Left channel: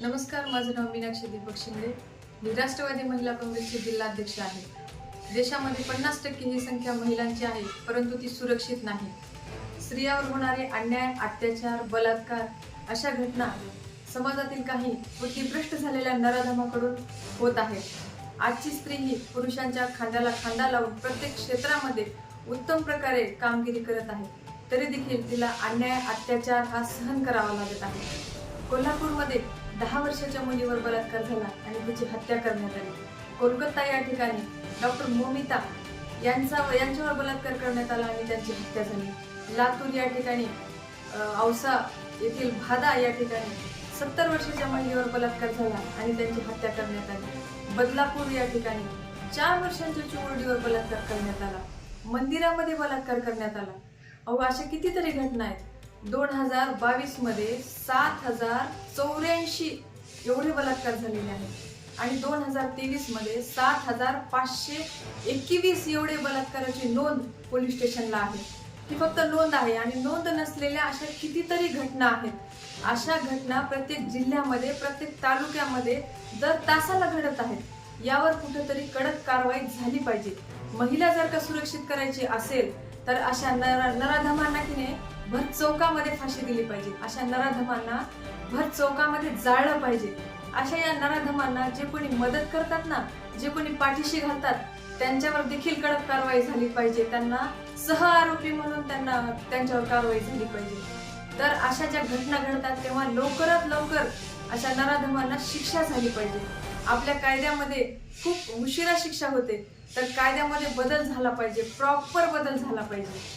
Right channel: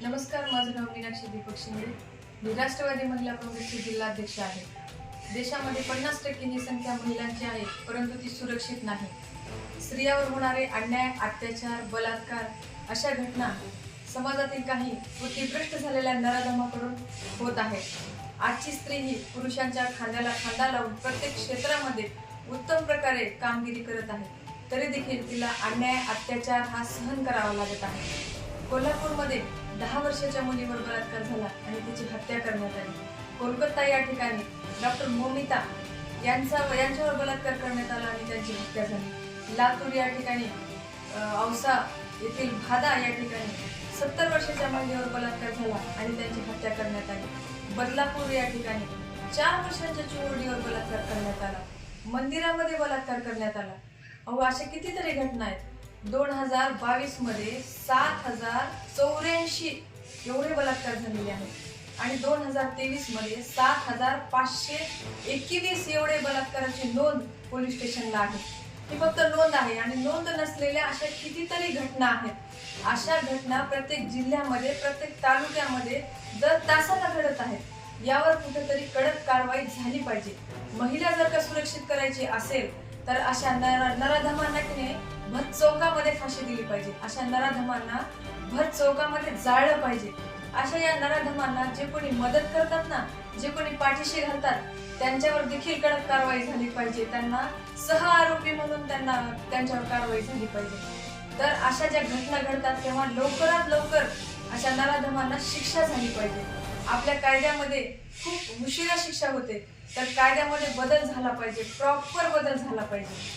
नमस्कार माझं नाव मीनाक्षी दीपक शिंदे. मी राष्ट्रवादी महिला काँग्रेसचे जिल्हाध्यक्ष आहे. देशामध्ये पन्नास टक्के ही संख्या महिलांची आहे परंतु ती सुरक्षित नाही. स्त्रियावर होणारे अन्याय अत्याचार बलात्कार अशा घटना समाजातील काही तीभ्रष्ट झालेल्या नराधमाकडून होत आहे आजची स्त्री ही पुरुषांच्या खांद्याला खांदा लावून प्रत्येक क्षेत्रामध्ये उत्तम प्रकारे कामगिरी करत आहे. तरी देखील तिला अन्याय अत्याचार हा सहन करावा लागत आहे. कोल्हापूरमध्ये दहा वर्षाच्या मुलीवर बलात्कार झाला आणि तिची हत्या करण्यात आली. कोलकाता या ठिकाणी डॉक्टर मोमिता यांचा यांच्यावर बलात्कार करण्यात आला आणि त्यांची हत्या झाली. लातूर या ठिकाणी औसा येथील भादा या ठिकाणी सत्तर वर्षाच्या महिलेवर बलात्कार झाला आणि त्यांची हत्या करण्यात आली. बदलापूर या ठिकाणी चार वर्षाच्या चिमुरडीवर बलात्कार करण्यात आला. मंदिरामध्ये बलात्कार करण्यात आला. अहो अशा कितीतरी घटना आहेत. दोन हजार बावीसमध्ये सात हजार चौऱ्याऐंशी एवढे बलात्कार झालेले आहेत. आणि दोन हजार तेवीसमध्ये सात हजार पाचशे एकवीस एवढे बलात्काराची नोंद पोलीस स्टेशनला आहे. ही फक्त नोंद आहे आणि नोंद नसलेल्या अशा कितीतरी घटना आहेत. अशा घटना प्रत्येक जिल्ह्यामध्ये प्रत्येक तालुक्यामध्ये दर तासाला घडत आहेत यावर कुठेतरी कडक कारवाई झाली पाहिजे. महिला जर का सुरक्षित करायची असेल तर अशा नरा नराधमांना की नाही भर चौकामध्ये फाशी दिली पाहिजे. अशा नराधमांना भर चौकामध्ये जाळलं पाहिजे. अशा या नराधमांना जे कोणी मदत करतात ना जे कोणी पाठीशी घालतात त्यांच्यावर देखील कडक कारवाई झाली पाहिजे. त्यांना सह आरोपी म्हणून त्यांना त्यांच्यावर कारवाई झाली पाहिजे. तर अशा ज्या घटना घडतात तेव्हा लवकरात लवकर अशा नराधमांना शिक्षा झाली पाहिजे. आपल्या कायद्यामध्ये खूप उशिरा शिक्षा होते तर कायद्यामध्ये बदल झाला पाहिजे प्रॉपर बदल झाला पाहिजे.